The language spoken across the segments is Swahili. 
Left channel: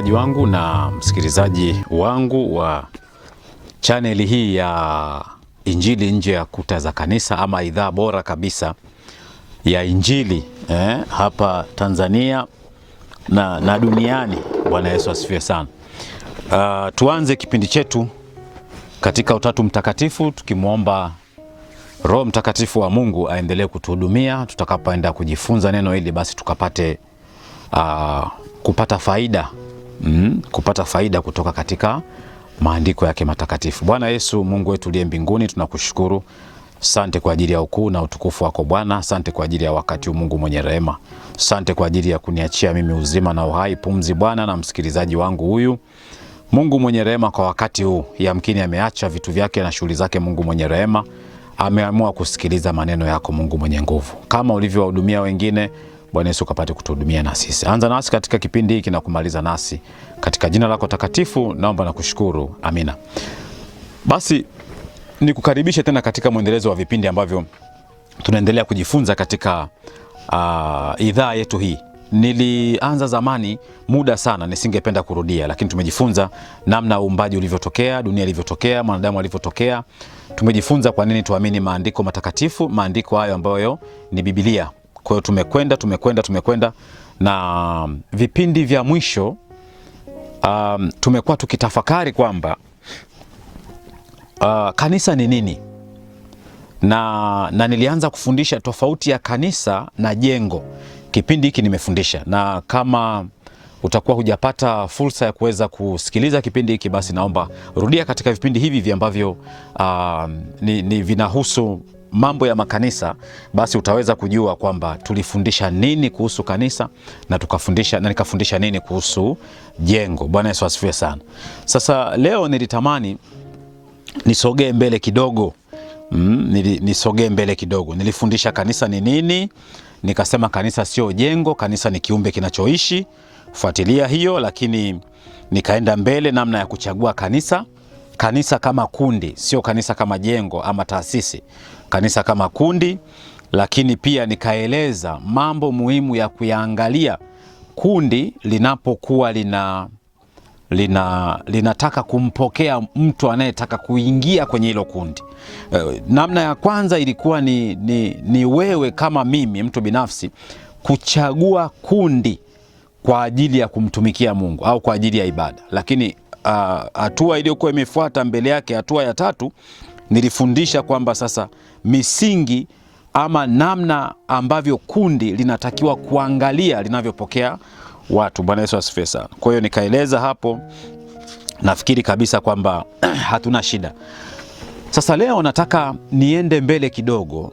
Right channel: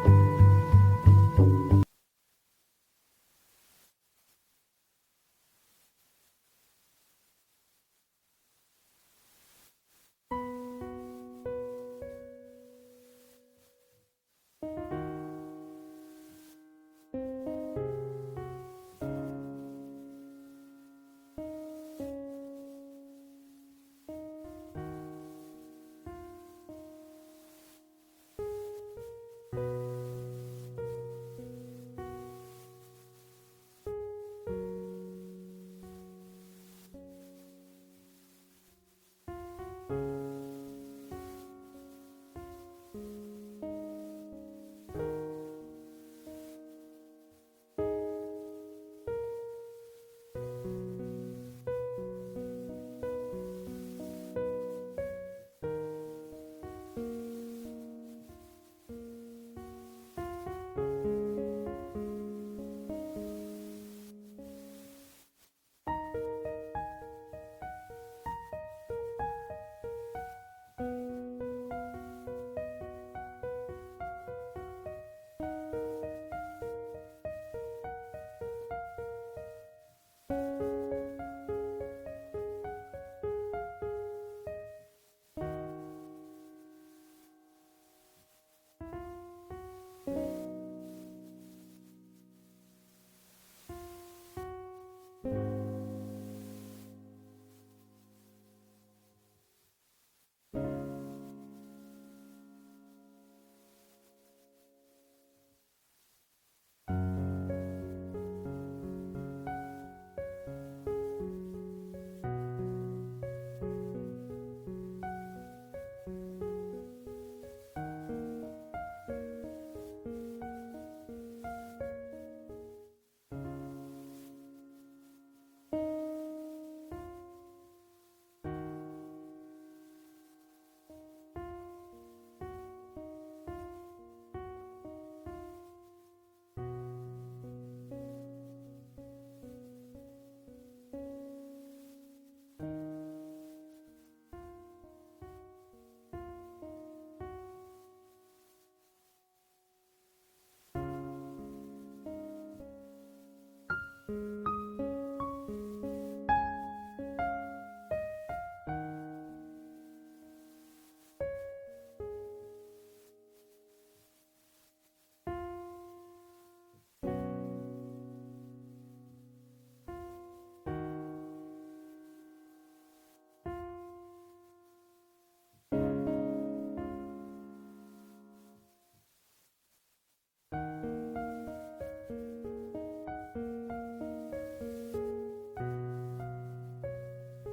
Mtazamaji wangu na msikilizaji wangu wa chaneli hii ya Injili Nje ya Kuta za Kanisa, ama idhaa bora kabisa ya Injili hapa Tanzania na duniani. Bwana Yesu asifiwe sana. Tuanze kipindi chetu katika Utatu Mtakatifu, tukimwomba Roho Mtakatifu wa Mungu aendelee kutuhudumia tutakapoenda kujifunza neno hili, basi tukapate kupata faida kutoka katika maandiko yake matakatifu. Bwana Yesu, Mungu wetu uliye mbinguni, tunakushukuru. Asante kwa ajili ya ukuu na utukufu wako Bwana. Asante kwa ajili ya wakati huu, Mungu mwenye rehema. Asante kwa ajili ya kuniachia mimi uzima na uhai, pumzi Bwana, na msikilizaji wangu huyu. Mungu mwenye rehema, kwa wakati huu yamkini ameacha vitu vyake na shughuli zake. Mungu mwenye rehema ameamua kusikiliza maneno yako, Mungu mwenye nguvu. Kama ulivyowahudumia wengine, Bwana Yesu kapate kutuhudumia na sisi. Anza nasi katika kipindi hiki na kumaliza nasi katika jina lako takatifu, naomba na kushukuru. Amina. Basi nikukaribishe tena katika mwendelezo wa vipindi ambavyo tunaendelea kujifunza katika idhaa yetu hii. Nilianza zamani muda sana, nisingependa kurudia, lakini tumejifunza namna uumbaji ulivyotokea, dunia ilivyotokea, mwanadamu alivyotokea. Tumejifunza kwa nini tuamini maandiko matakatifu, maandiko hayo ambayo ni Biblia. Kwa hiyo tumekwenda na vipindi vya mwisho tumekuwa tukitafakari kwamba kanisa ni nini, na nilianza kufundisha tofauti ya kanisa na jengo. Kipindi hiki nimefundisha, na kama utakuwa hujapata fursa ya kuweza kusikiliza kipindi hiki, basi naomba rudia katika vipindi hivi ambavyo ni vinahusu mambo ya makanisa, basi utaweza kujua kwamba tulifundisha nini kuhusu kanisa na nikafundisha nini kuhusu jengo. Bwana Yesu asifiwe sana. Sasa leo nilitamani nisogee mbele kidogo. Nilifundisha kanisa ni nini, nikasema kanisa sio jengo, kanisa ni kiumbe kinachoishi. Fuatilia hiyo. Lakini nikaenda mbele namna ya kuchagua kanisa kama kundi, sio kanisa kama jengo ama taasisi, kanisa kama kundi. Lakini pia nikaeleza mambo muhimu ya kuyaangalia kundi linapokuwa linataka kumpokea mtu anayetaka kuingia kwenye hilo kundi. Namna ya kwanza ilikuwa ni wewe kama mimi, mtu binafsi, kuchagua kundi kwa ajili ya kumtumikia Mungu au kwa ajili ya ibada. Lakini hatua iliyokuwa imefuata mbele yake, hatua ya tatu, nilifundisha kwamba sasa misingi ama namna ambavyo kundi linatakiwa kuangalia linavyopokea watu. Bwana Yesu asifiwe sana. Kwa hiyo nikaeleza hapo, nafikiri kabisa kwamba hatuna shida. Sasa leo nataka niende mbele kidogo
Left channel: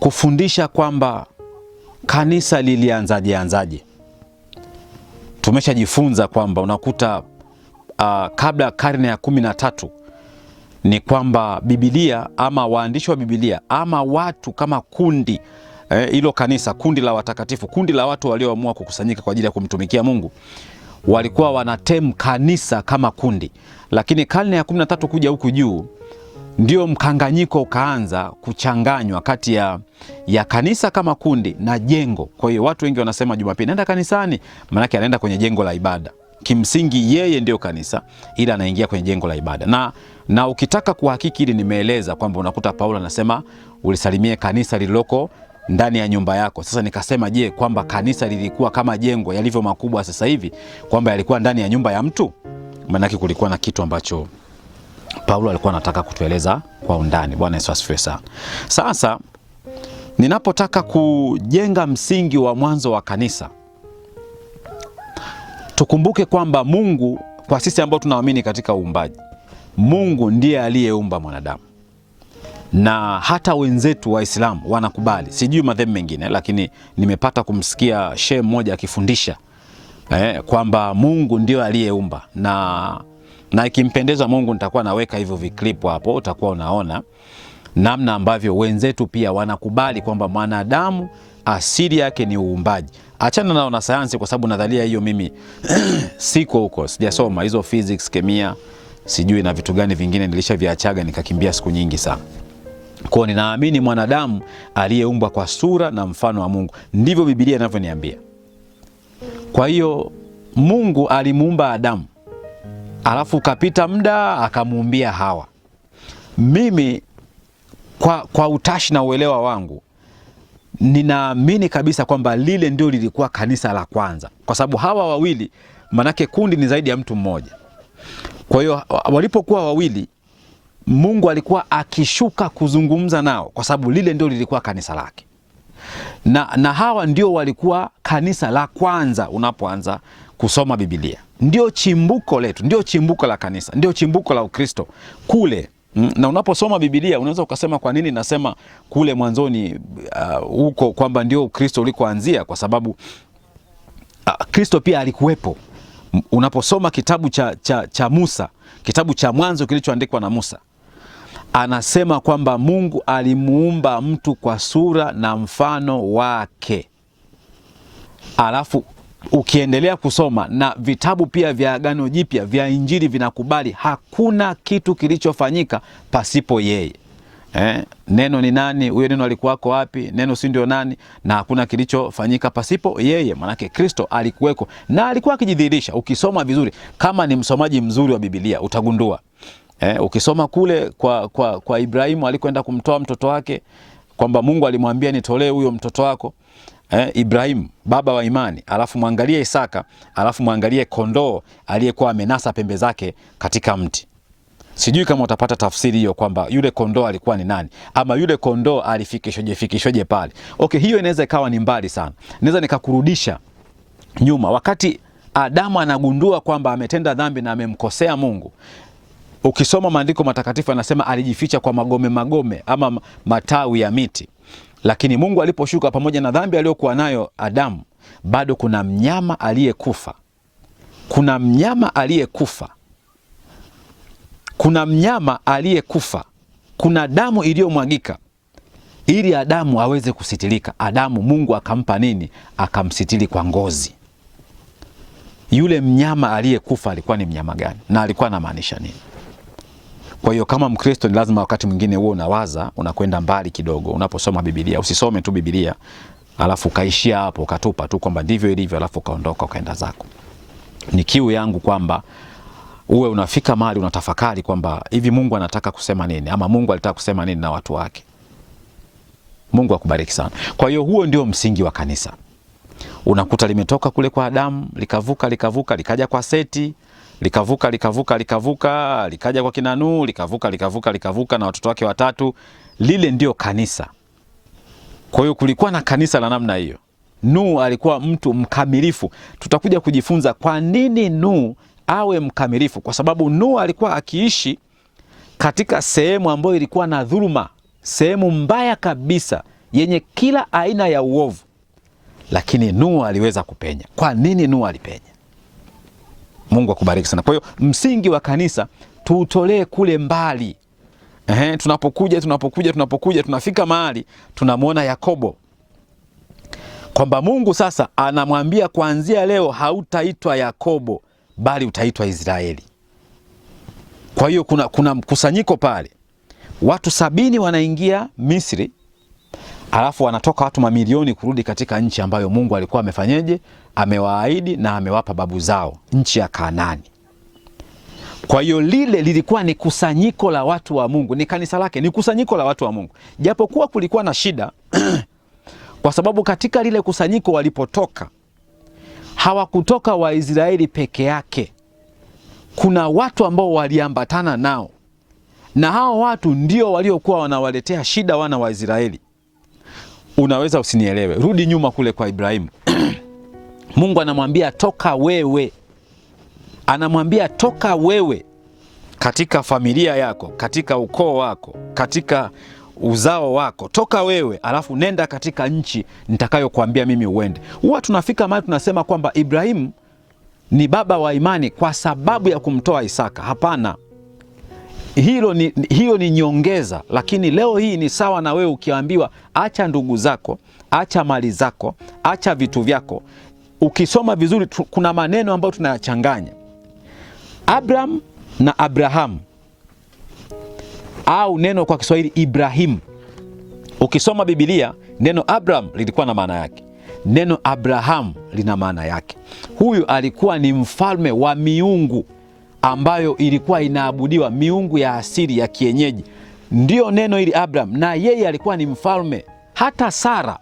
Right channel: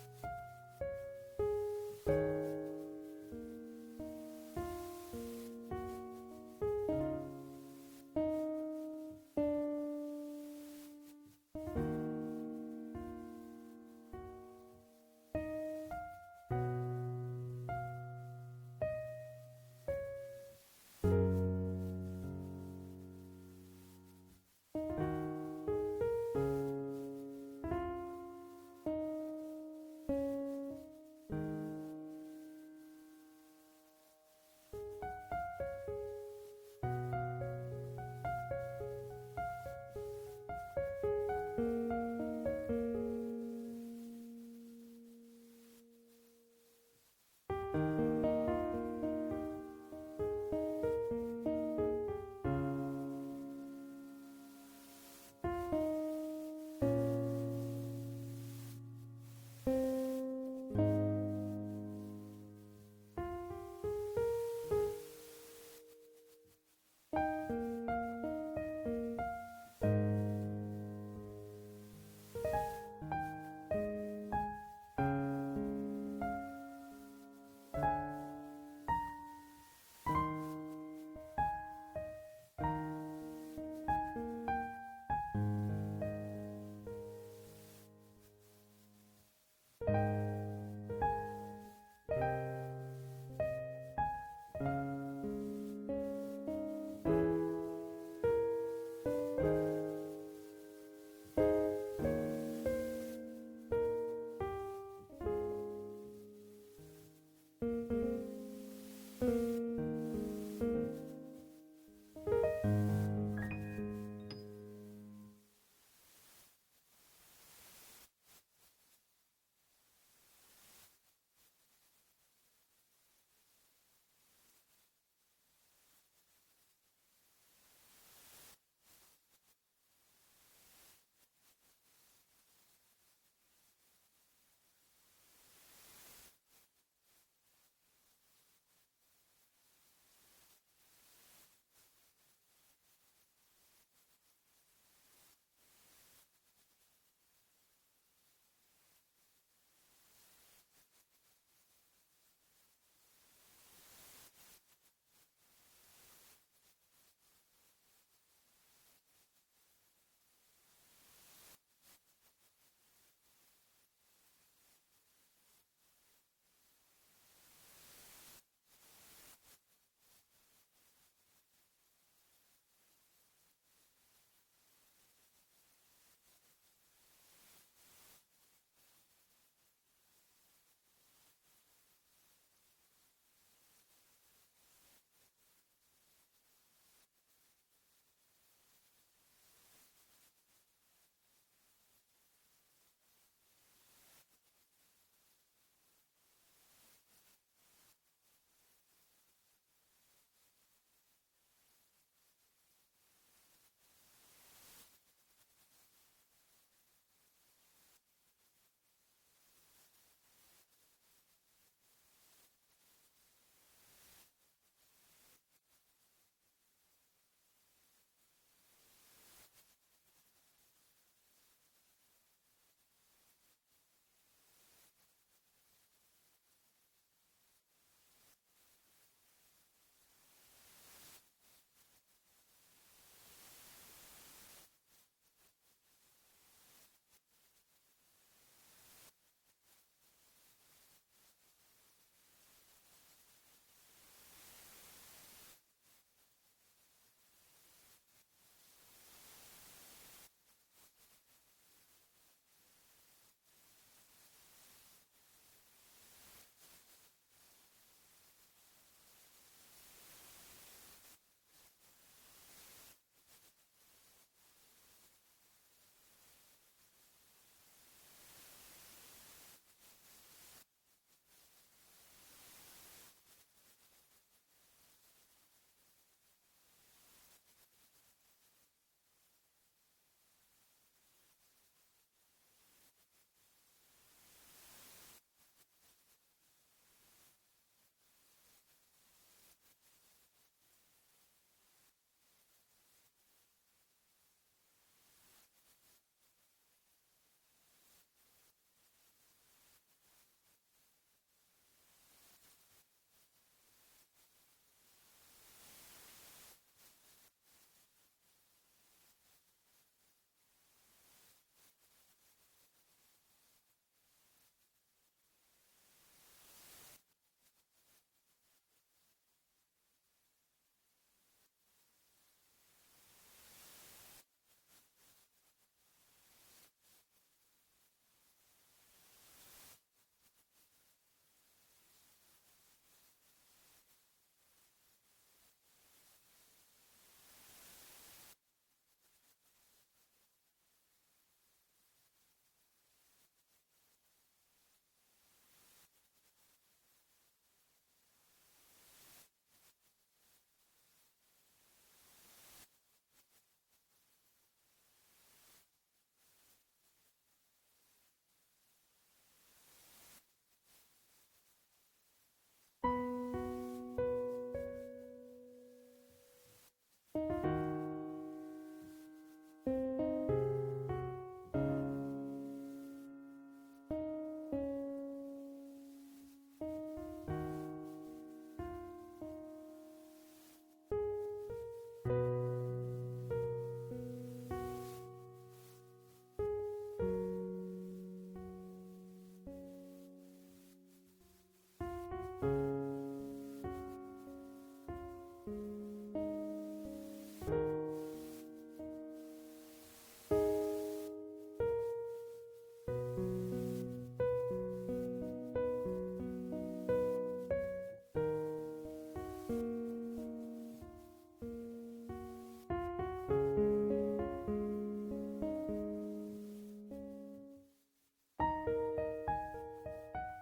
kufundisha kwamba kanisa lilianzaje. Tumeshajifunza kwamba unakuta kabla karne ya 13 ni kwamba Biblia ama waandishi wa Biblia ama watu kama kundi, hilo kanisa, kundi la watakatifu, kundi la watu walioamua kukusanyika kwa ajili ya kumtumikia Mungu, walikuwa wanatem kanisa kama kundi. Lakini karne ya 13 kuja huku juu, ndio mkanganyiko ukaanza kuchanganywa kati ya kanisa kama kundi na jengo. Kwa hiyo watu wengi wanasema Jumapili naenda kanisani, maana yake anaenda kwenye jengo la ibada. Kimsingi yeye ndio kanisa, ila anaingia kwenye jengo la ibada. Na ukitaka kuhakiki hili, nimeeleza kwamba unakuta Paulo anasema ulisalimie kanisa lililoko ndani ya nyumba yako. Sasa nikasema, je, kwamba kanisa lilikuwa kama jengo yalivyo makubwa sasa hivi, kwamba yalikuwa ndani ya nyumba ya mtu? Maanake kulikuwa na kitu ambacho Paulo alikuwa anataka kutueleza kwa undani. Bwana Yesu asifiwe sana. Sasa ninapotaka kujenga msingi wa mwanzo wa kanisa, tukumbuke kwamba Mungu, kwa sisi ambao tunaamini katika uumbaji, Mungu ndiye aliyeumba mwanadamu. Na hata wenzetu Waislamu wanakubali, sijui madhehebu mengine, lakini nimepata kumsikia shehe mmoja akifundisha kwamba Mungu ndio aliyeumba. Na ikimpendeza Mungu nitakuwa naweka hivyo viklipu hapo, utakuwa unaona namna ambavyo wenzetu pia wanakubali kwamba mwanadamu asili yake ni uumbaji. Achana nao na sayansi, kwa sababu nadharia hiyo mimi siko huko, sijasoma hizo physics, kemia, sijui na vitu gani vingine, nilishaviachaga nikakimbia siku nyingi sana. Kwa ninaamini mwanadamu aliyeumbwa kwa sura na mfano wa Mungu, ndivyo Biblia inavyoniambia. Kwa hiyo Mungu alimuumba Adamu, alafu kapita muda akamuumbia Hawa. Mimi kwa utashi na uelewa wangu ninaamini kabisa kwamba lile ndio lilikuwa kanisa la kwanza, kwa sababu hawa wawili, manake kundi ni zaidi ya mtu mmoja. Kwa hiyo walipokuwa wawili, Mungu alikuwa akishuka kuzungumza nao, kwa sababu lile ndio lilikuwa kanisa lake. Na hawa ndio walikuwa kanisa la kwanza. Unapoanza kusoma Biblia, ndio chimbuko letu, ndio chimbuko la kanisa, ndio chimbuko la Ukristo kule. Na unaposoma Biblia unaweza ukasema kwa nini nasema kule mwanzoni huko kwamba ndio Ukristo ulikoanzia, kwa sababu Kristo pia alikuwepo. Unaposoma kitabu cha Musa, kitabu cha Mwanzo kilichoandikwa na Musa, anasema kwamba Mungu alimuumba mtu kwa sura na mfano wake. Alafu ukiendelea kusoma na vitabu pia vya Agano Jipya vya Injili vinakubali hakuna kitu kilichofanyika pasipo yeye. Neno ni nani? Huyo neno alikuwako wapi? Neno si ndio nani? Na hakuna kilichofanyika pasipo yeye. Manake Kristo alikuweko na alikuwa akijidhihirisha. Ukisoma vizuri, kama ni msomaji mzuri wa Biblia utagundua. Ukisoma kule kwa Ibrahimu alikwenda kumtoa mtoto wake, kwamba Mungu alimwambia nitolee huyo mtoto wako. Ibrahimu baba wa imani, alafu muangalie Isaka, alafu muangalie kondoo aliyekuwa amenasa pembe zake katika mti. Sijui kama utapata tafsiri hiyo kwamba yule kondoo alikuwa ni nani, ama yule kondoo alifikishwaje pale. Okay, hiyo inaweza ikawa ni mbali sana. Naweza nikakurudisha nyuma wakati Adamu anagundua kwamba ametenda dhambi na amemkosea Mungu. Ukisoma maandiko matakatifu anasema alijificha kwa magome ama matawi ya miti. Lakini Mungu aliposhuka, pamoja na dhambi aliyokuwa nayo Adamu, bado kuna mnyama aliyekufa. Kuna mnyama aliyekufa. Kuna mnyama aliyekufa. Kuna damu iliyomwagika ili Adamu aweze kusitirika. Adamu Mungu akampa nini? Akamsitiri kwa ngozi. Yule mnyama aliyekufa alikuwa ni mnyama gani na alikuwa anamaanisha nini? Kwa hiyo kama Mkristo ni lazima wakati mwingine uwe unawaza, unakwenda mbali kidogo. Unaposoma Biblia usisome tu Biblia alafu kaishia hapo ukatupa tu kwamba ndivyo ilivyo alafu kaondoka ukaenda zako. Ni kiu yangu kwamba uwe unafika mahali unatafakari kwamba hivi Mungu anataka kusema nini, ama Mungu alitaka kusema nini na watu wake. Mungu akubariki sana. Kwa hiyo huo ndio msingi wa kanisa. Unakuta limetoka kule kwa Adamu, likavuka likaja kwa Seti, likavuka likaja kwa kina Nuhu, likavuka na watoto wake watatu. Lile ndio kanisa. Kwa hiyo kulikuwa na kanisa la namna hiyo. Nuhu alikuwa mtu mkamilifu. Tutakuja kujifunza kwa nini Nuhu awe mkamilifu, kwa sababu Nuhu alikuwa akiishi katika sehemu ambayo ilikuwa na dhuluma, sehemu mbaya kabisa yenye kila aina ya uovu. Lakini Nuhu aliweza kupenya. Kwa nini Nuhu alipenya? Mungu akubariki sana. Kwa hiyo msingi wa kanisa tuutolee kule mbali. Tunapokuja tunafika mahali tunamwona Yakobo, kwamba Mungu sasa anamwambia kuanzia leo hautaitwa Yakobo bali utaitwa Israeli. Kwa hiyo kuna mkusanyiko pale. Watu 70 wanaingia Misri, alafu wanatoka watu mamilioni kurudi katika nchi ambayo Mungu alikuwa amefanyeje? Amewaahidi na amewapa babu zao, nchi ya Kanaani. Kwa hiyo lile lilikuwa ni kusanyiko la watu wa Mungu, ni kanisa lake, ni kusanyiko la watu wa Mungu. Japokuwa kulikuwa na shida kwa sababu katika lile kusanyiko walipotoka hawakutoka Waisraeli peke yake. Kuna watu ambao waliambatana nao, na hao watu ndio waliokuwa wanawaletea shida wana wa Israeli. Unaweza usinielewe, rudi nyuma kule kwa Ibrahimu. Mungu anamwambia toka wewe, anamwambia toka wewe katika familia yako, katika ukoo wako, katika uzao wako, toka wewe, alafu nenda katika nchi nitakayokuambia mimi uende. Huwa tunafika mahali tunasema kwamba Ibrahimu ni baba wa imani kwa sababu ya kumtoa Isaka. Hapana, hiyo ni nyongeza. Lakini leo hii ni sawa na wewe ukiambiwa acha ndugu zako, acha mali zako, acha vitu vyako. Ukisoma vizuri kuna maneno ambayo tunayachanganya, Abraham na Abrahamu, au neno kwa Kiswahili Ibrahimu. Ukisoma Biblia neno Abraham lilikuwa na maana yake, neno Abraham lina maana yake. Huyu alikuwa ni mfalme wa miungu ambayo ilikuwa inaabudiwa, miungu ya asili ya kienyeji. Ndio neno hili Abraham, na yeye alikuwa ni mfalme. Hata Sara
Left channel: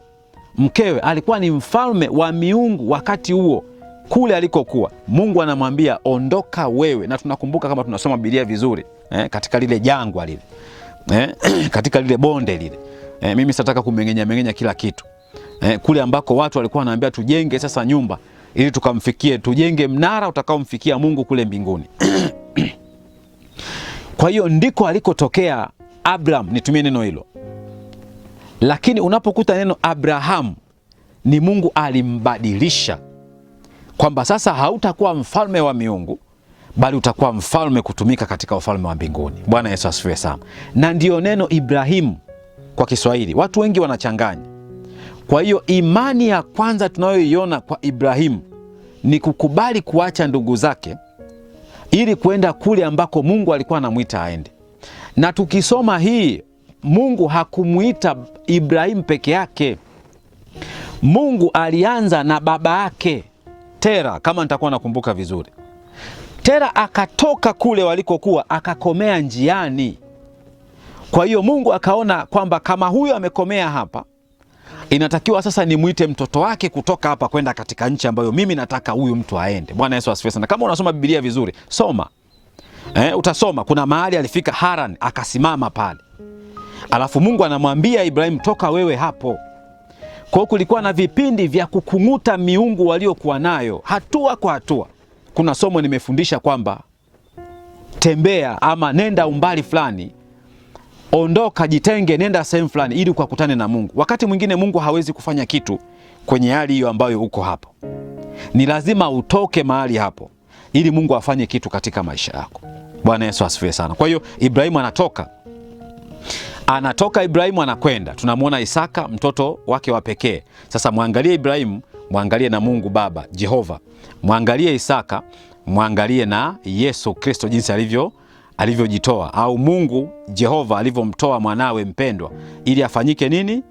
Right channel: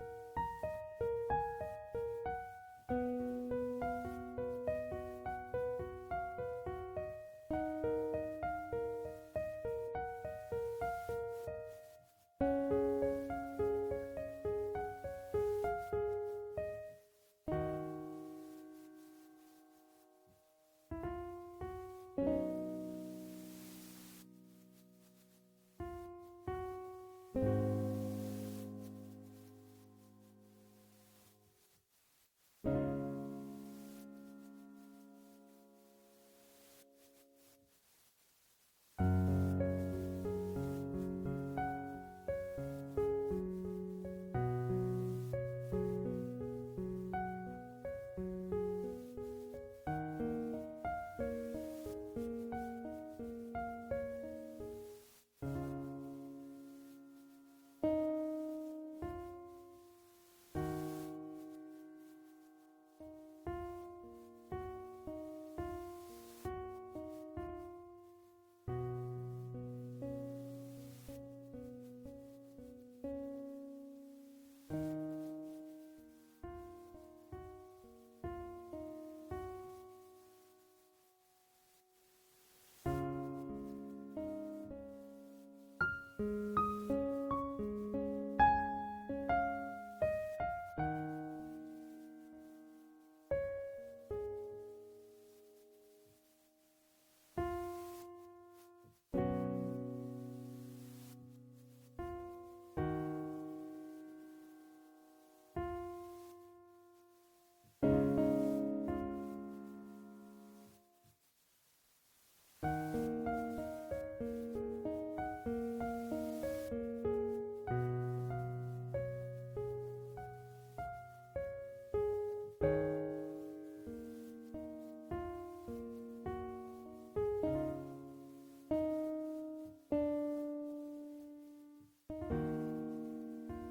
mkewe alikuwa ni mfalme wa miungu wakati huo kule alikokuwa. Mungu anamwambia ondoka wewe, na tunakumbuka kama tunasoma Biblia vizuri katika lile jangwa lile katika lile bonde lile mimi sitaka kumengenya kila kitu kule ambako watu walikuwa wanaambia tujenge sasa nyumba ili tukamfikie, tujenge mnara utakaomfikia Mungu kule mbinguni. Kwa hiyo ndiko alikotokea Abraham, nitumie neno hilo. Lakini unapokuta neno Abraham, ni Mungu alimbadilisha kwamba sasa hautakuwa mfalme wa miungu, bali utakuwa mfalme kutumika katika ufalme wa mbinguni. Bwana Yesu asifiwe sana. Na ndio neno Ibrahimu kwa Kiswahili watu wengi wanachanganya. Kwa hiyo imani ya kwanza tunayoiona kwa Ibrahimu ni kukubali kuacha ndugu zake ili kwenda kule ambako Mungu alikuwa anamuita aende. Na tukisoma hii, Mungu hakumuita Ibrahimu peke yake. Mungu alianza na baba yake Tera, kama nitakuwa nakumbuka vizuri. Tera akatoka kule walikokuwa akakomea njiani. Kwa hiyo Mungu akaona kwamba kama huyu amekomea hapa, inatakiwa sasa nimuite mtoto wake kutoka hapa kwenda katika nchi ambayo mimi nataka huyu mtu aende. Bwana Yesu asifiwe sana. Kama unasoma Biblia vizuri, soma. Utasoma kuna mahali alifika Haran, akasimama pale. Alafu Mungu anamwambia Ibrahim, toka wewe hapo. Kwa hiyo kulikuwa na vipindi vya kukung'uta miungu waliokuwa nayo hatua kwa hatua. Kuna somo nimefundisha kwamba tembea ama nenda umbali fulani, ondoka, jitenge, nenda sehemu fulani ili ukakutane na Mungu. Wakati mwingine Mungu hawezi kufanya kitu kwenye hali hiyo ambayo uko hapo. Ni lazima utoke mahali hapo ili Mungu afanye kitu katika maisha yako. Bwana Yesu asifiwe sana. Kwa hiyo Ibrahimu anatoka Ibrahimu anakwenda. Tunamwona Isaka mtoto wake wa pekee. Sasa mwangalie Ibrahimu, mwangalie na Mungu Baba Jehova. Mwangalie Isaka, mwangalie na Yesu Kristo jinsi alivyojitoa, au Mungu Jehova alivyomtoa mwanawe mpendwa ili afanyike nini?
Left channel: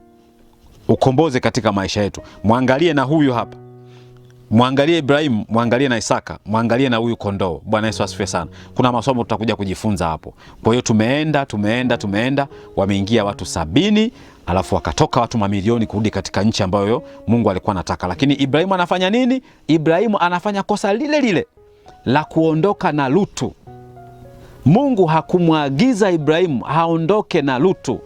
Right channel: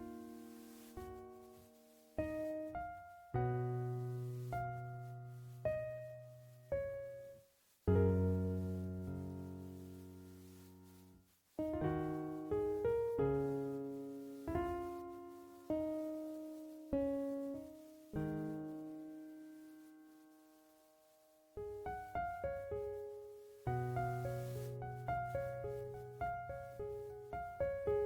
Ukomboze katika maisha yetu. Mwangalie na huyu hapa. Mwangalie Ibrahimu, mwangalie na Isaka, mwangalie na huyu kondoo. Bwana Yesu asifiwe sana. Kuna masomo tutakuja kujifunza hapo. Kwa hiyo tumeenda, wameingia watu 70, alafu wakatoka watu mamilioni kurudi katika nchi ambayo Mungu alikuwa anataka. Lakini Ibrahimu anafanya nini? Ibrahimu anafanya kosa lile lile la kuondoka na Lutu. Mungu hakumwagiza Ibrahimu haondoke na Lutu.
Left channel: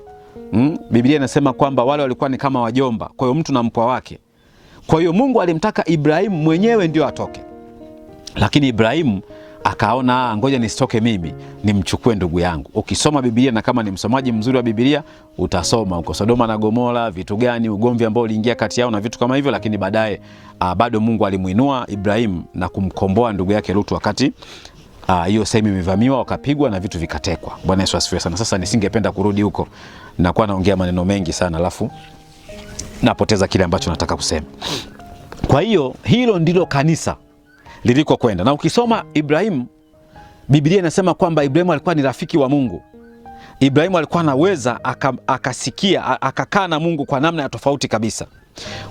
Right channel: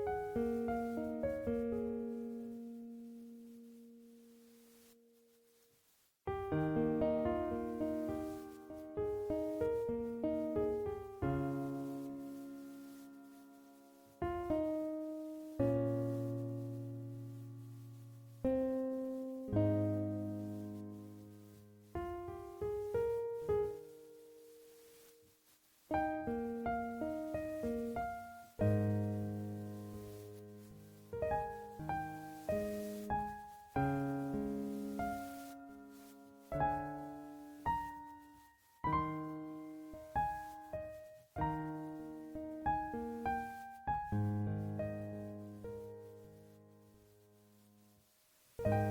Biblia inasema kwamba wale walikuwa ni kama wajomba, kwa hiyo mtu na mpwa wake. Kwa hiyo Mungu alimtaka Ibrahimu mwenyewe ndio atoke. Lakini Ibrahimu akaona ngoja nisitoke mimi, nimchukue ndugu yangu. Ukisoma Biblia, na kama ni msomaji mzuri wa Biblia, utasoma uko Sodoma na Gomora, vitu gani, ugomvi ambao uliingia kati yao na vitu kama hivyo. Lakini baadaye bado Mungu alimuinua Ibrahimu na kumkomboa ndugu yake Lutu wakati hiyo sehemu imevamiwa, wakapigwa na vitu vikatekwa. Bwana Yesu asifiwe sana. Sasa nisingependa kurudi huko, nakuwa naongea maneno mengi sana alafu napoteza kile ambacho nataka kusema. Kwa hiyo hilo ndilo kanisa liliko kwenda. Na ukisoma Ibrahimu, Biblia inasema kwamba Ibrahimu alikuwa ni rafiki wa Mungu. Ibrahimu alikuwa anaweza akasikia, akakaa na Mungu kwa namna ya tofauti kabisa.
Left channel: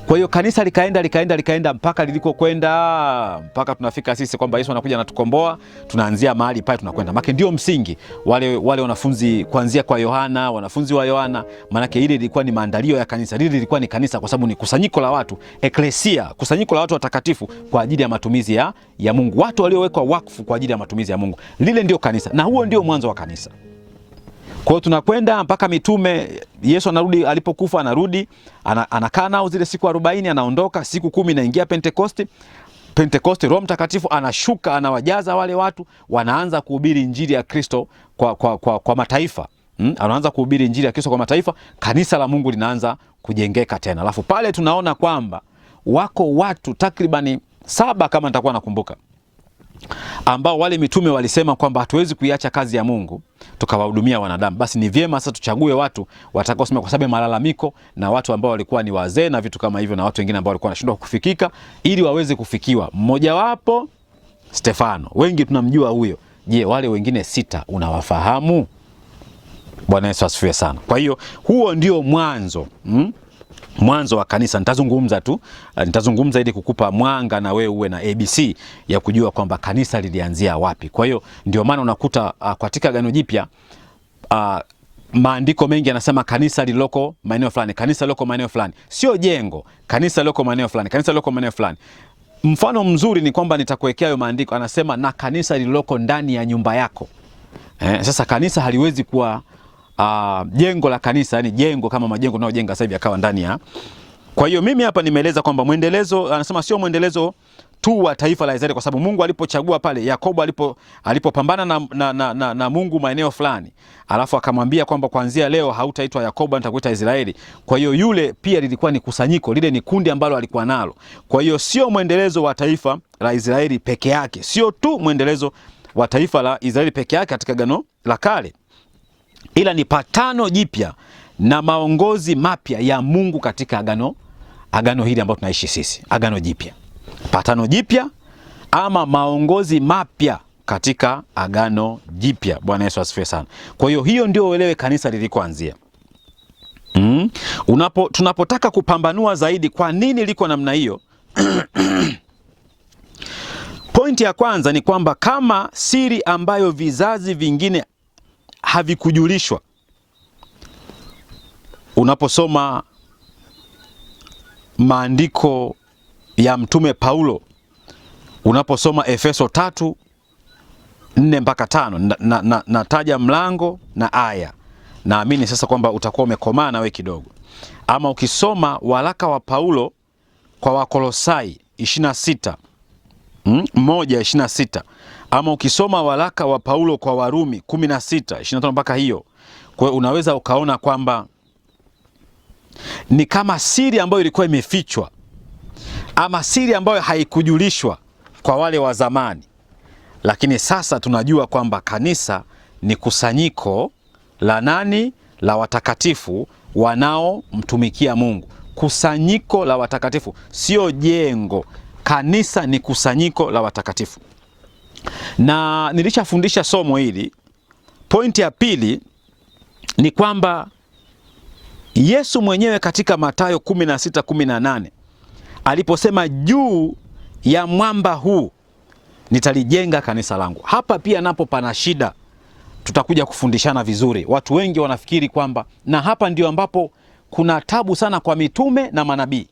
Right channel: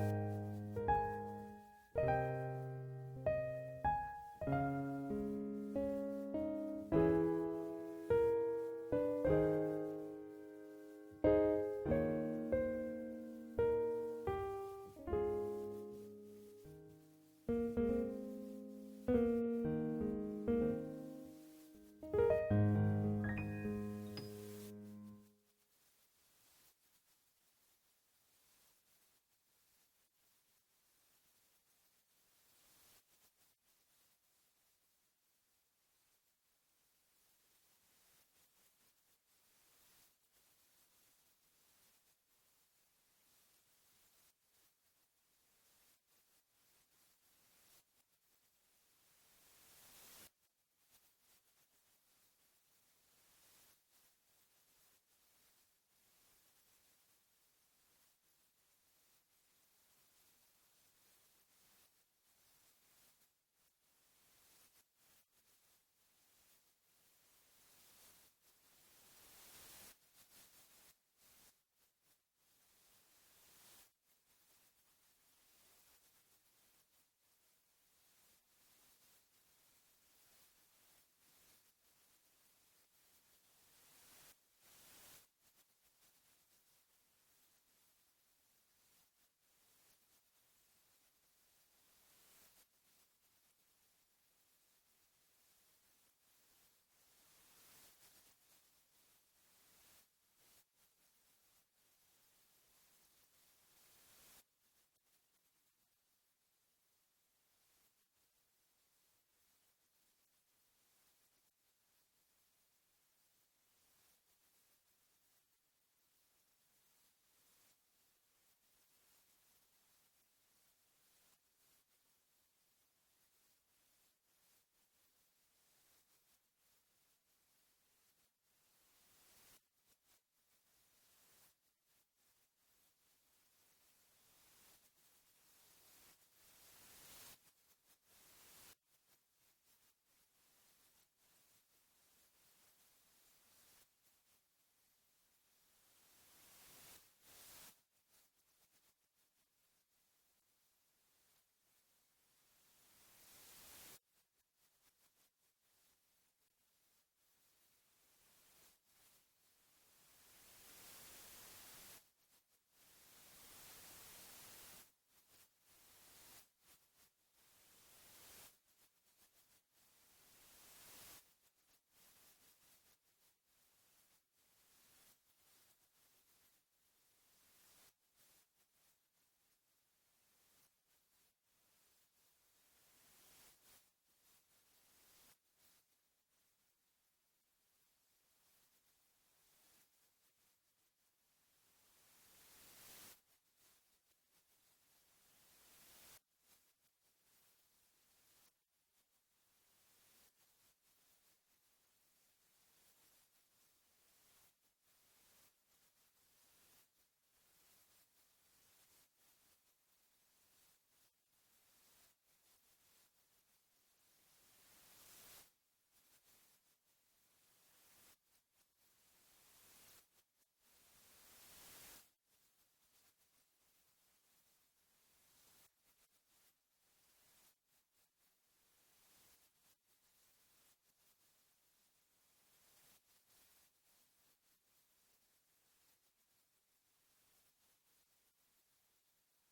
Kwa hiyo kanisa likaenda mpaka liliko kwenda, mpaka tunafika sisi kwamba Yesu anakuja anatukomboa. Tunaanzia mahali pale tunakwenda. Maana ndio msingi wale wanafunzi kuanzia kwa Yohana, wanafunzi wa Yohana, maana ile ilikuwa ni maandalio ya kanisa. Lile lilikuwa ni kanisa kwa sababu ni kusanyiko la watu, eklesia, kusanyiko la watu watakatifu kwa ajili ya matumizi ya Mungu. Watu waliowekwa wakfu kwa ajili ya matumizi ya Mungu. Lile ndio kanisa, na huo ndio mwanzo wa kanisa. Kwa hiyo tunakwenda mpaka mitume. Yesu anarudi, alipokufa anarudi, anakaa nao zile siku 40, anaondoka. Siku 10 inaingia Pentekoste, Roho Mtakatifu anashuka, anawajaza wale watu, wanaanza kuhubiri injili ya Kristo kwa mataifa. Anaanza kuhubiri injili ya Kristo kwa mataifa, kanisa la Mungu linaanza kujengeka tena. Alafu pale tunaona kwamba wako watu takribani 7 kama nitakuwa nakumbuka, ambao wale mitume walisema kwamba hatuwezi kuiacha kazi ya Mungu tukawahudumia wanadamu. Basi ni vyema sasa tuchague watu watakaosimama, kwa sababu malalamiko na watu ambao walikuwa ni wazee na vitu kama hivyo, na watu wengine ambao walikuwa wanashindwa kufikika ili waweze kufikiwa. Mmoja wapo Stefano, wengi tunamjua huyo. Je, wale wengine 6 unawafahamu? Bwana Yesu asifiwe sana. Kwa hiyo huo ndio mwanzo mwanzo wa kanisa. Nitazungumza ili kukupa mwanga na wewe uwe na ABC ya kujua kwamba kanisa lilianzia wapi. Kwa hiyo ndio maana unakuta katika Agano Jipya maandiko mengi yanasema kanisa liloko maeneo fulani, kanisa liloko maeneo fulani. Sio jengo, kanisa liloko maeneo fulani, kanisa liloko maeneo fulani. Mfano mzuri ni kwamba nitakuwekea hayo maandiko, anasema na kanisa lililoko ndani ya nyumba yako. Sasa kanisa haliwezi kuwa jengo la kanisa, yani jengo kama majengo tunayojenga sasa hivi akawa ndani ya. Kwa hiyo mimi hapa nimeeleza kwamba mwendelezo, anasema sio mwendelezo tu wa taifa la Israeli, kwa sababu Mungu alipochagua pale Yakobo alipopambana na Mungu maeneo fulani, alafu akamwambia kwamba kuanzia leo hautaitwa Yakobo, nitakuita Israeli. Kwa hiyo yule pia lilikuwa ni kusanyiko, lile ni kundi ambalo alikuwa nalo. Kwa hiyo sio mwendelezo wa taifa la Israeli peke yake, sio tu mwendelezo wa taifa la Israeli peke yake katika Agano la Kale, ila ni patano jipya na maongozi mapya ya Mungu katika agano hili ambalo tunaishi sisi, Agano Jipya. Patano jipya ama maongozi mapya katika Agano Jipya. Bwana Yesu asifiwe sana. Kwa hiyo ndio uelewe kanisa lilikoanzia. Tunapotaka kupambanua zaidi kwa nini liko namna hiyo, pointi ya kwanza ni kwamba kama siri ambayo vizazi vingine havikujulishwa. Unaposoma maandiko ya Mtume Paulo, unaposoma Efeso 3:4-5, nataja mlango na aya. Naamini sasa kwamba utakuwa umekomaa na wewe kidogo. Ama ukisoma waraka wa Paulo kwa Wakolosai 1:26, ama ukisoma waraka wa Paulo kwa Warumi 16:25 mpaka hiyo. Kwa hiyo unaweza ukaona kwamba ni kama siri ambayo ilikuwa imefichwa ama siri ambayo haikujulishwa kwa wale wa zamani, lakini sasa tunajua kwamba kanisa ni kusanyiko la nani? La watakatifu wanaomtumikia Mungu. Kusanyiko la watakatifu, sio jengo. Kanisa ni kusanyiko la watakatifu. Na nilishafundisha somo hili. Pointi ya pili ni kwamba Yesu mwenyewe katika Mathayo 16:18 aliposema juu ya mwamba huu nitalijenga kanisa langu. Hapa pia napo pana shida, tutakuja kufundishana vizuri. Watu wengi wanafikiri kwamba, na hapa ndio ambapo kuna tabu sana kwa mitume na manabii.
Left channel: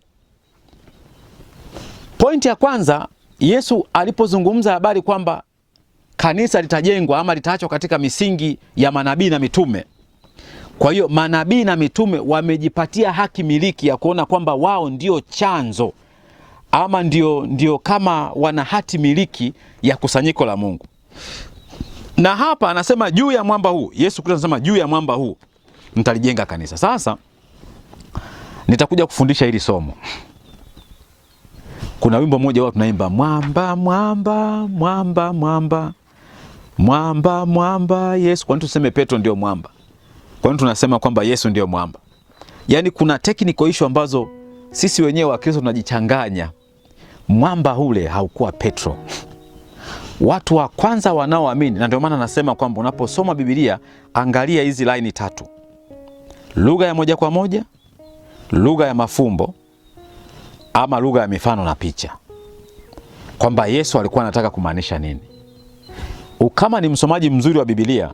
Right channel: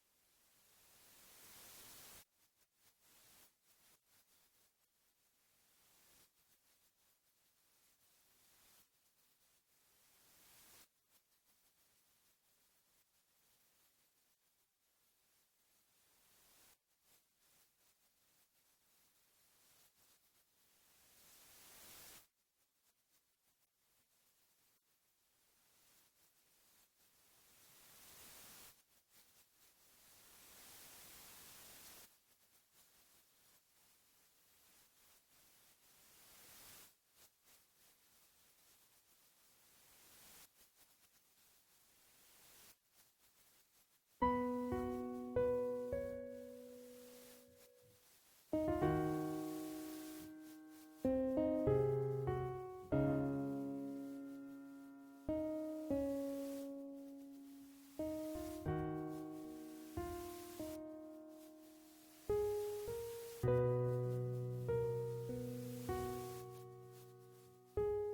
Pointi ya kwanza, Yesu alipozungumza habari kwamba kanisa litajengwa ama litaachwa katika misingi ya manabii na mitume. Kwa hiyo manabii na mitume wamejipatia haki miliki ya kuona kwamba wao ndio chanzo ama ndio kama wana hati miliki ya kusanyiko la Mungu. Na hapa anasema juu ya mwamba huu, Yesu Kristo anasema juu ya mwamba huu nitalijenga kanisa. Sasa nitakuja kufundisha hili somo. Kuna wimbo mmoja wao tunaimba mwamba mwamba mwamba mwamba mwamba mwamba Yesu. Kwa nini tuseme Petro ndio mwamba? Kwa nini tunasema kwamba Yesu ndio mwamba? Yaani kuna technical issue ambazo sisi wenyewe wa Kristo tunajichanganya. Mwamba ule haukuwa Petro. Watu wa kwanza wanaoamini, na ndio maana nasema kwamba unaposoma Biblia angalia hizi laini tatu: lugha ya moja kwa moja, lugha ya mafumbo, ama lugha ya mifano na picha, kwamba Yesu alikuwa anataka kumaanisha nini. Kama ni msomaji mzuri wa Biblia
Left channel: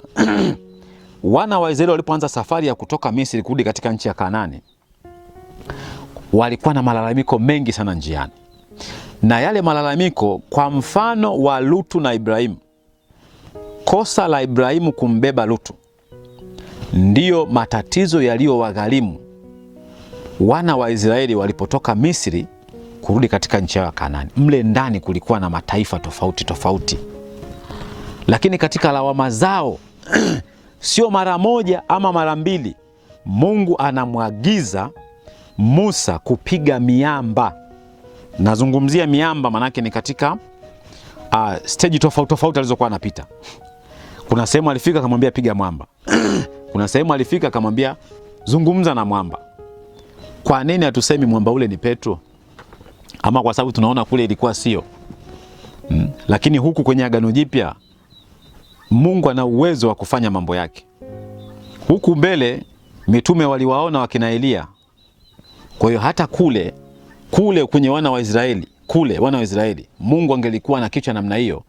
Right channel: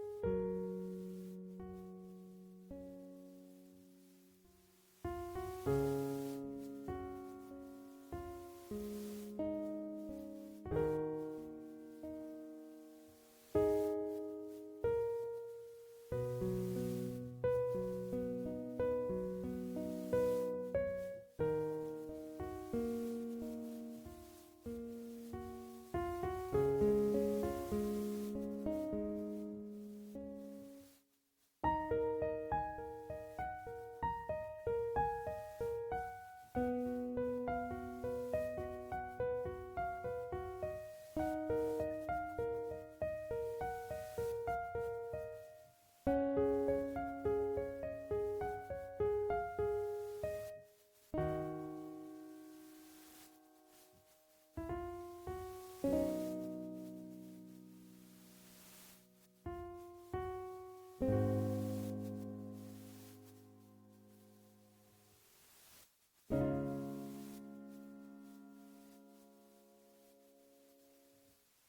wana wa Israeli walipoanza safari ya kutoka Misri kurudi katika nchi ya Kanaani, walikuwa na malalamiko mengi sana njiani. Na yale malalamiko, kwa mfano wa Lutu na Ibrahimu, kosa la Ibrahimu kumbeba Lutu ndiyo matatizo yaliyowagharimu wana wa Israeli walipotoka Misri kurudi katika nchi ya Kanaani. Mle ndani kulikuwa na mataifa tofauti tofauti, lakini katika lawama zao sio mara moja ama mara mbili, Mungu anamwagiza Musa kupiga miamba. Nazungumzia miamba manake ni katika stage tofauti tofauti alizokuwa anapita. Kuna sehemu alifika akamwambia piga mwamba. Kuna sehemu alifika akamwambia zungumza na mwamba. Kwa nini hatusemi mwamba ule ni Petro? Ama kwa sababu tunaona kule ilikuwa sio? Lakini huku kwenye Agano Jipya Mungu ana uwezo wa kufanya mambo yake. Huku mbele mitume waliwaona wakina Elia, Kwa hiyo hata kule kwenye wana wa Israeli, Mungu angelikuwa na kichwa namna hiyo,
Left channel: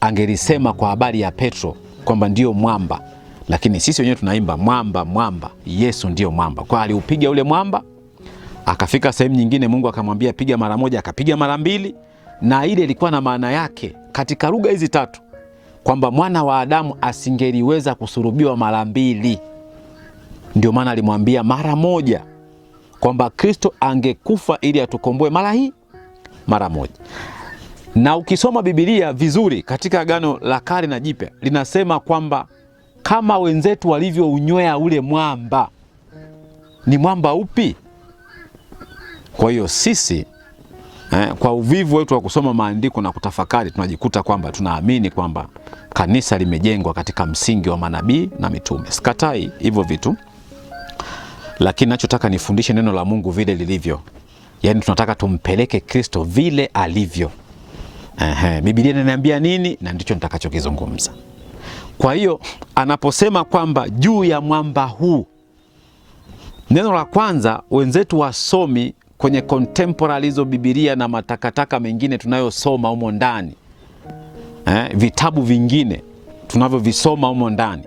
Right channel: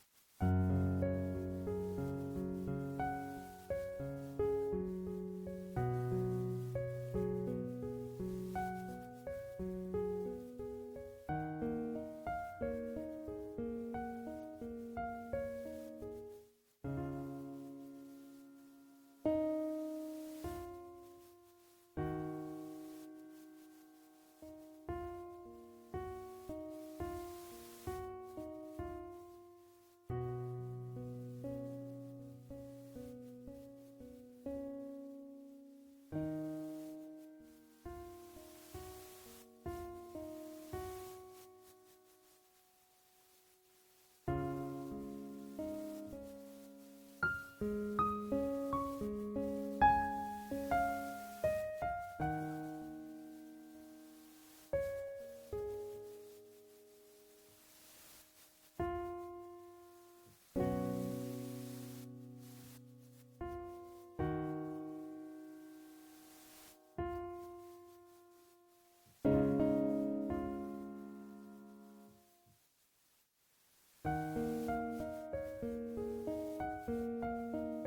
angelisema kwa habari ya Petro kwamba ndio mwamba. Lakini sisi wenyewe tunaimba mwamba, mwamba, Yesu ndio mwamba. Kwa aliupiga ule mwamba, akafika sehemu nyingine Mungu akamwambia piga mara moja, akapiga mara mbili, na ile ilikuwa na maana yake katika lugha hizi tatu kwamba mwana wa Adamu asingeliweza kusurubiwa mara mbili. Ndio maana alimwambia mara moja kwamba Kristo angekufa ili atukomboe mara moja. Na ukisoma Biblia vizuri katika Agano la Kale na Jipya, linasema kwamba kama wenzetu walivyounywea ule mwamba, ni mwamba upi? Kwa hiyo sisi kwa uvivu wetu wa kusoma maandiko na kutafakari, tunajikuta kwamba tunaamini kwamba kanisa limejengwa katika msingi wa manabii na mitume. Sikatai hivyo vitu, lakini nachotaka nifundishe neno la Mungu vile lilivyo. Yaani tunataka tumpeleke Kristo vile alivyo. Biblia inaniambia nini, na ndicho nitakachokizungumza. Kwa hiyo anaposema kwamba juu ya mwamba huu, neno la kwanza, wenzetu wasomi kwenye contemporary hizo Biblia na matakataka mengine tunayosoma humo ndani, vitabu vingine tunavyovisoma humo ndani,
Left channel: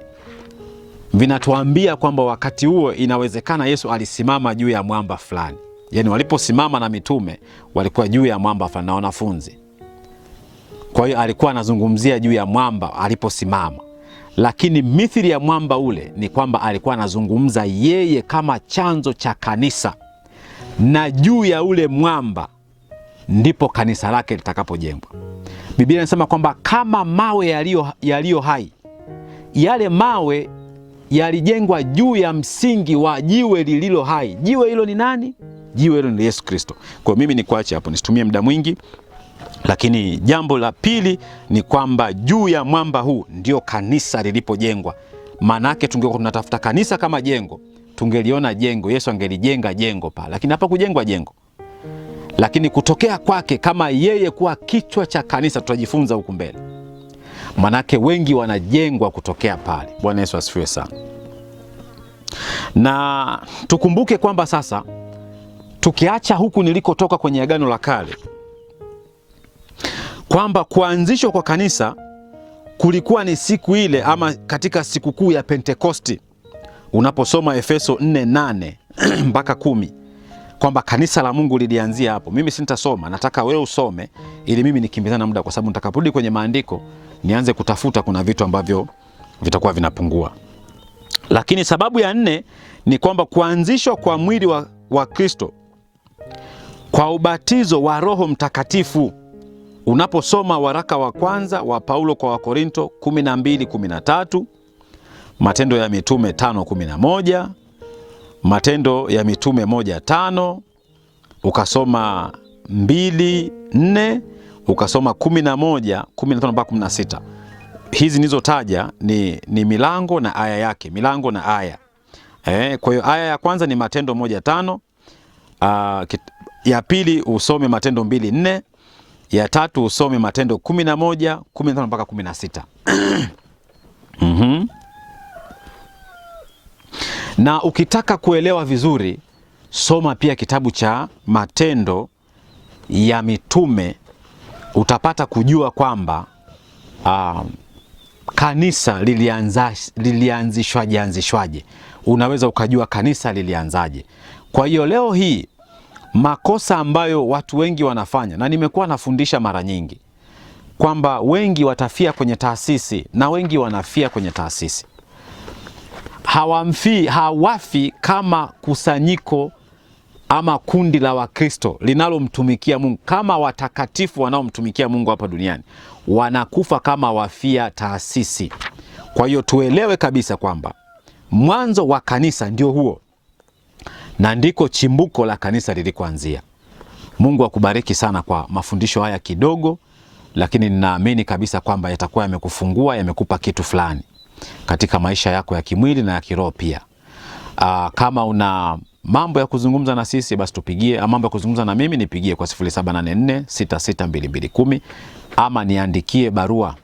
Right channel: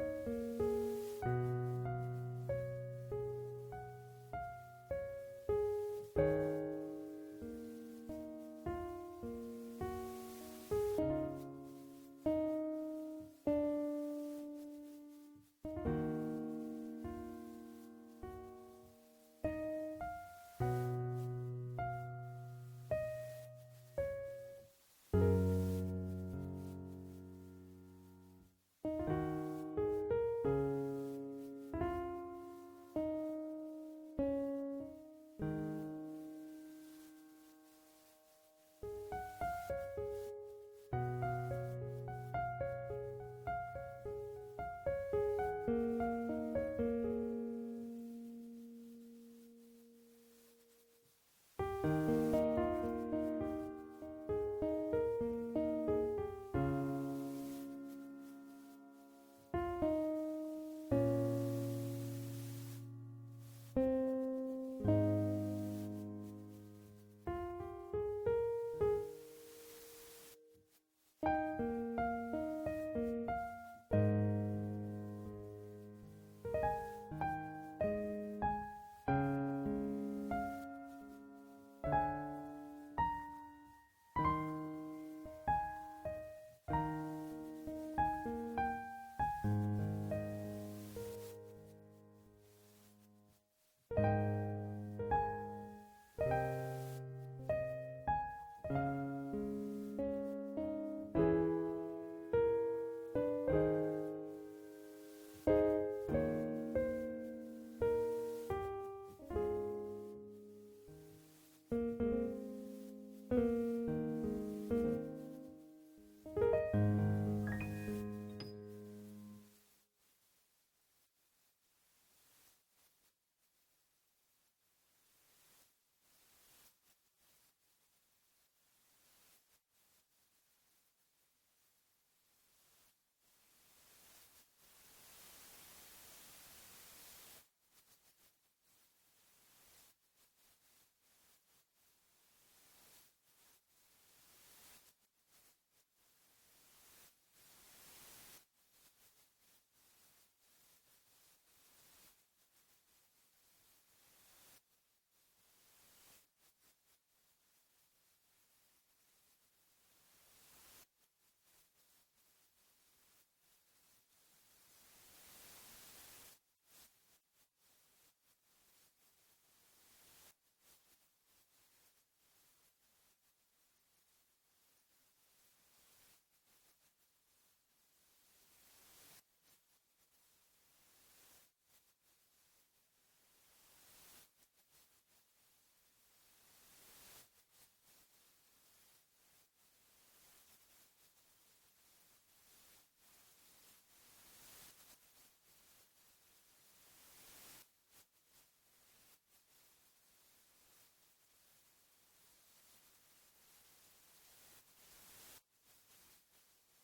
vinatuambia kwamba wakati huo inawezekana Yesu alisimama juu ya mwamba fulani. Yaani waliposimama na mitume walikuwa juu ya mwamba fulani na wanafunzi. Kwa hiyo alikuwa anazungumzia juu ya mwamba aliposimama. Lakini mithili ya mwamba ule ni kwamba alikuwa anazungumza yeye kama chanzo cha kanisa, na juu ya ule mwamba ndipo kanisa lake litakapojengwa. Biblia inasema kwamba kama mawe yaliyo hai, yale mawe yalijengwa juu ya msingi wa jiwe lililo hai. Jiwe hilo ni nani? Jiwe hilo ni Yesu Kristo. Kwa mimi ni kuache hapo, nisitumie muda mwingi. Lakini jambo la pili ni kwamba juu ya mwamba huu ndio kanisa lilipojengwa. Maana yake tungekuwa tunatafuta kanisa kama jengo, tungeliona jengo, Yesu angelijenga jengo pale. Lakini hapa kujengwa jengo. Lakini kutokea kwake kama yeye kuwa kichwa cha kanisa, tutajifunza huku mbele. Maana yake wengi wanajengwa kutokea pale. Bwana Yesu asifiwe sana. Na tukumbuke kwamba sasa tukiacha huku nilikotoka kwenye Agano la Kale, kwamba kuanzishwa kwa kanisa kulikuwa ni siku ile ama katika sikukuu ya Pentekosti. Unaposoma Efeso 4:8 mpaka 10, kwamba kanisa la Mungu lilianzia hapo. Mimi sintasoma, nataka wewe usome ili mimi nikimbizana muda, kwa sababu nitakaporudi kwenye maandiko nianze kutafuta, kuna vitu ambavyo vitakuwa vinapungua. Lakini sababu ya 4 ni kwamba kuanzishwa kwa mwili wa Kristo kwa ubatizo wa Roho Mtakatifu. Unaposoma waraka wa kwanza wa Paulo kwa Wakorinto 12:13, Matendo ya Mitume 5:11, Matendo ya Mitume 1:5, ukasoma 2:4, ukasoma 11:15 mpaka 16. Hizi nizotaja ni milango na aya yake, milango na aya. Kwa hiyo aya ya kwanza ni Matendo 1:5, ya pili usome Matendo 2:4, ya tatu usome Matendo 11:15 mpaka 16. Na ukitaka kuelewa vizuri, soma pia kitabu cha Matendo ya Mitume, utapata kujua kwamba kanisa lilianzishwaje. Unaweza ukajua kanisa lilianzaje. Kwa hiyo leo hii makosa ambayo watu wengi wanafanya, na nimekuwa nafundisha mara nyingi kwamba wengi watafia kwenye taasisi na wengi wanafia kwenye taasisi. Hawafi kama kusanyiko ama kundi la Wakristo linalomtumikia Mungu, kama watakatifu wanaomtumikia Mungu hapa duniani. Wanakufa kama wafia taasisi. Kwa hiyo tuelewe kabisa kwamba mwanzo wa kanisa ndio huo, na ndiko chimbuko la kanisa lilikoanzia. Mungu akubariki sana kwa mafundisho haya kidogo, lakini ninaamini kabisa kwamba yatakuwa yamekufungua, yamekupa kitu fulani katika maisha yako ya kimwili na ya kiroho pia. Kama una mambo ya kuzungumza na sisi, basi tupigie. Mambo ya kuzungumza na mimi nipigie kwa 0784662210, ama niandikie barua